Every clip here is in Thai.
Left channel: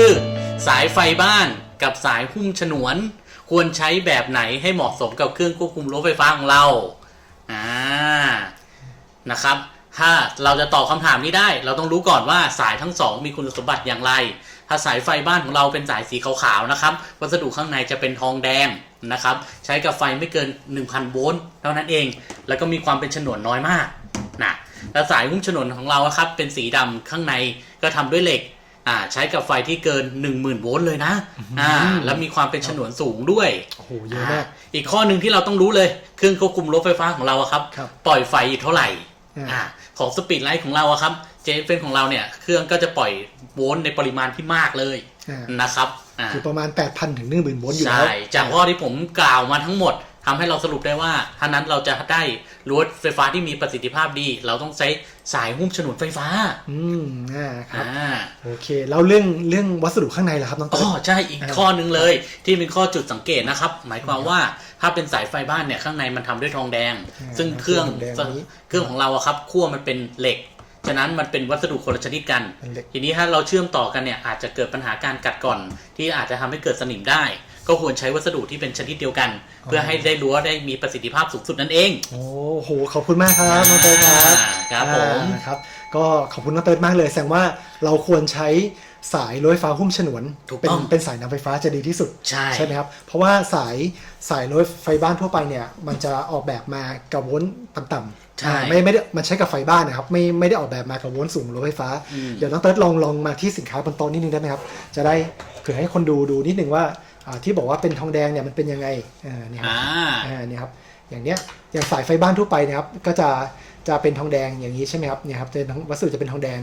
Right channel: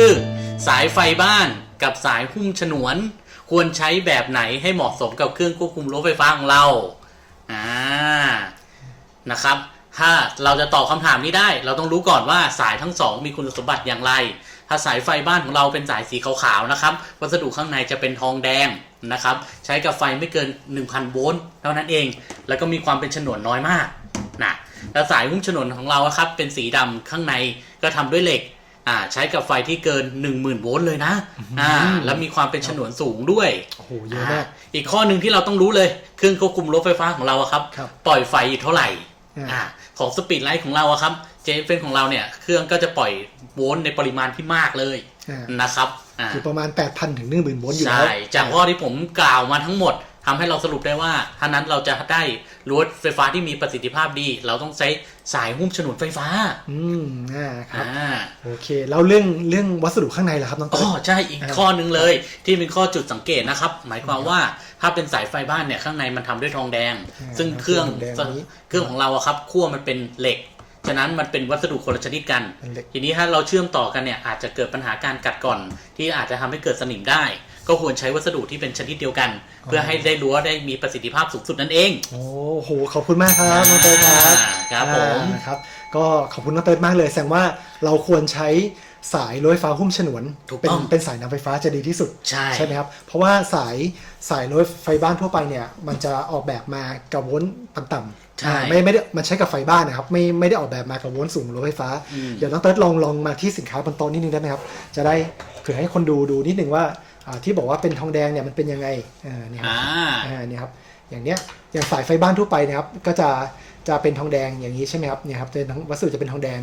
คือ สายไฟบ้านกับสายหุ้มฉนวน ควรใช้แบบไหนให้เหมาะสมกับเครื่องควบคุมรั้วไฟฟ้าของเราอ่านะครับ ถ้าเราจะตอบคำถามนี้ได้ เราต้องรู้ก่อนว่าสายทั้งสองมีคุณสมบัติอย่างไร ถ้าสายไฟบ้านของเราเป็นสายสีขาวๆนะครับ วัสดุข้างในจะเป็นทองแดงนะครับ ใช้กับไฟไม่เกิน 1,000 โวลต์เท่านั้นเอง แล้วก็มีความเป็นฉนวนน้อยมากนะแล้วสายหุ้มฉนวนของเราครับเป็นสีดำข้างในก็ทำด้วยเหล็ก อ่าใช้กับไฟที่เกิน 10,000 โวลต์เลยนะอ่าแล้วมีความเป็นฉนวนสูงด้วยโอ้โหเยอะมากอ่าอีกข้อหนึ่งที่เราต้องรู้เลยเครื่องควบคุมรถไฟฟ้าของเราอะครับ ครับปล่อยไฟอยู่เท่าไหร่อ่าอ่าของสปีดไลท์ของเราอะครับเจฟเฟนของเราเนี่ยเครื่องก็จะปล่อยโวลต์ในปริมาณที่มากเลยอ่านะครับอ่าคือประมาณ 8,000 ถึง 10,000โวลต์อยู่ใช่แล้วจากข้อที่ผมกล่าวมาทั้งหมด ทำให้เราสรุปได้ว่าถ้านั้นเราจะได้รถไฟฟ้าที่มีประสิทธิภาพดี เราต้องใช้สายหุ้มฉนวนไฟฟ้า อืมอ่าครับอ่าโอเคแล้วเรื่องเรื่องวัสดุข้างในล่ะครับน้องอ๋เต้อยใช่อีกข้อหนึ่งเลย ที่เป็นข้อจุดสังเกตนะครับ หมายความว่าถ้าเป็นสายไฟบ้านเนี่ยข้างในมันทำด้วยทองแดงอ่าซึ่งเครื่องทองแดงนี้เครื่องของเราอะครับขั้วมันเป็นเหล็กฉะนั้นมันเป็นวัสดุคนละชนิดกันเป็นเหล็กทีนี้ถ้าเราเชื่อมต่อกันเนี่ยอาจจะเกิดปัญหาการกัดก่อน ที่อาจจะทำให้เกิดสนิมได้ ก็ควรใช้วัสดุที่เป็นชนิดเดียวกัน เพื่อให้ได้รั้วได้มีประสิทธิภาพสูงสุดนั่นเอง โอ้โหขอบคุณมากครับน้องเต้ยครับครับผมอ่าครับก็ขอบคุณน้องเต้ยมากเลย แสดงว่าเราควรใช้สายรถไฟฟ้าหุ้มฉนวนถูกเป็นต้องเป็นสายนำไฟฟ้าจะดีที่สุดใช่ไหมครับเพราะว่าสายสายรถไฟบ้านทั่วไปเนี่ยมันจะออกแบบมากับโวลต์ต่ำๆใช่อ่าไม่ไม่ได้มันใช้กับไฟบ้านนะครับไม่ไม่ได้ออกแบบมากับโวลต์สูงรถไฟฟ้าอืมเดี๋ยวน้องเต้ยลองลองมาที่สินค้าบนโต๊ะนิดนึงได้ไหมครับ จะได้เผื่อให้คนดูดูนิดนึงว่าอ่า ที่บอกว่าเป็นทองแดงเนี่ยมันเป็นยังไงอ่าเนี่ยครับอ่าอ่าเนี่ยครับอย่างเนี้ยอย่างสายไฟบ้านทั่วไปนะครับก็จะจะเป็นทองแดงอย่างนี้ใช่ไหมครับเนี่ยครับจะเป็นวัสดุจะเป็นทองแดง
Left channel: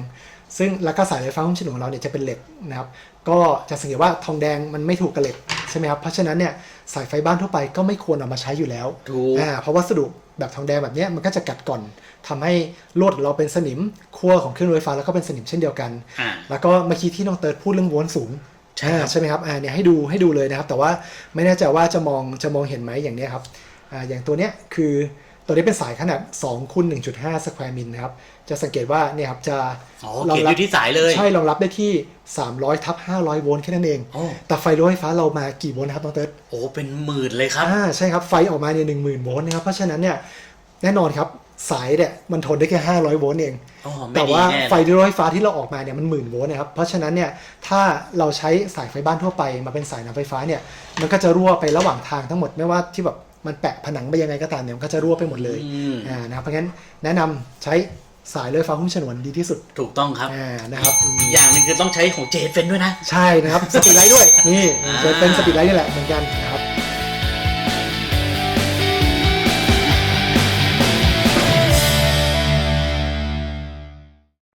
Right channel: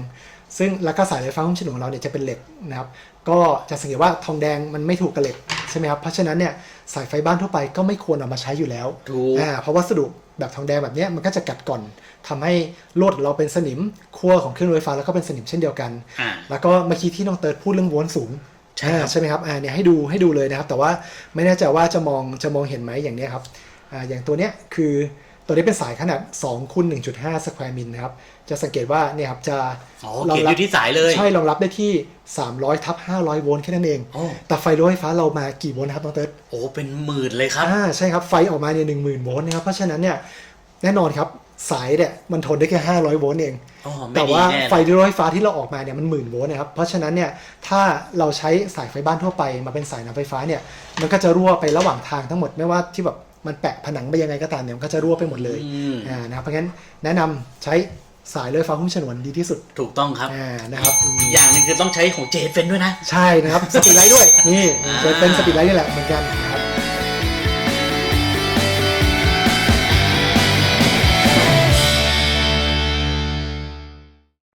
ซึ่งแล้วก็สายไฟฟ้าหุ้มฉนวนของเราเนี่ยจะเป็นเหล็กนะครับ ก็จะสังเกตว่าทองแดงมันไม่ถูกกับเหล็กใช่ไหมครับเพราะฉะนั้นเนี่ยสายไฟบ้านทั่วไปก็ไม่ควรเอามาใช้อยู่แล้วถูกอ่าเพราะวัสดุแบบทองแดงแบบเนี้ยมันก็จะกัดก่อนทำให้ลวดของเราเป็นสนิมขั้วของเครื่องรถไฟฟ้าแล้วก็เป็นสนิมเช่นเดียวกันอ่าแล้วก็เมื่อกี้ที่น้องเติร์ดพูดเรื่องโวลต์สูง ใช่ครับอ่าใช่ไหมครับอ่าเนี่ยให้ดูให้ดูเลยนะครับ แต่ว่าไม่แน่ใจว่าจะมองจะมองเห็นไหมอย่างเนี้ยครับอ่าอย่างตัวเนี้ยคือตัวนี้เป็นสายขนาด2คูณ1.5สแควร์มิลนะครับ จะสังเกตว่าเนี่ยครับจะอ๋อรอเขียนงอรับยู่ที่สายเลย ใช่รองรับได้ที่ 300ทับ500 โวลต์แค่นั้นเองโอ้แต่ไฟรถไฟฟ้าเรามากี่โวลต์นะครับน้องเติร์ดโอ้ เป็นหมื่นเลยครับอ่าใช่ครับ ไฟออกมาเนี่ยหนึ่งหมื่นโวลต์นะครับ เพราะฉะนั้นเนี่ยแน่นอนครับ สายเนี่ยมันทนได้แค่ 500 โวลต์เอง อ๋อไม่แต่ดีว่าแน่ไฟรถไฟฟ้าที่เราออกมาเนี่ยมันหมื่นโวลต์นะครับ เพราะฉะนั้นเนี่ยถ้าเราใช้สายไฟบ้านทั่วไป มาเป็นสายน้ำไฟฟ้าเนี่ยมันก็จะรั่วไประหว่างทางทั้งหมดไม่ว่าที่แบบมันแปะผนังไปยังไงก็ตามเนี่ยมันก็จะรั่วไปหมดเลยอืม อ่านะครับเพราะงั้นแนะนำใช้สายรถไฟฟ้าหุ้มฉนวนดีที่สุดถูกต้องครับ อ่านะครับอืมอย่างหนึงคือต้องใช้ของเจเฟนด้วยนะ ใช่นะครับสปีดไลท์ด้วยนี่จะเป็นสปีดไลท์นี่แหละเหมือนกัน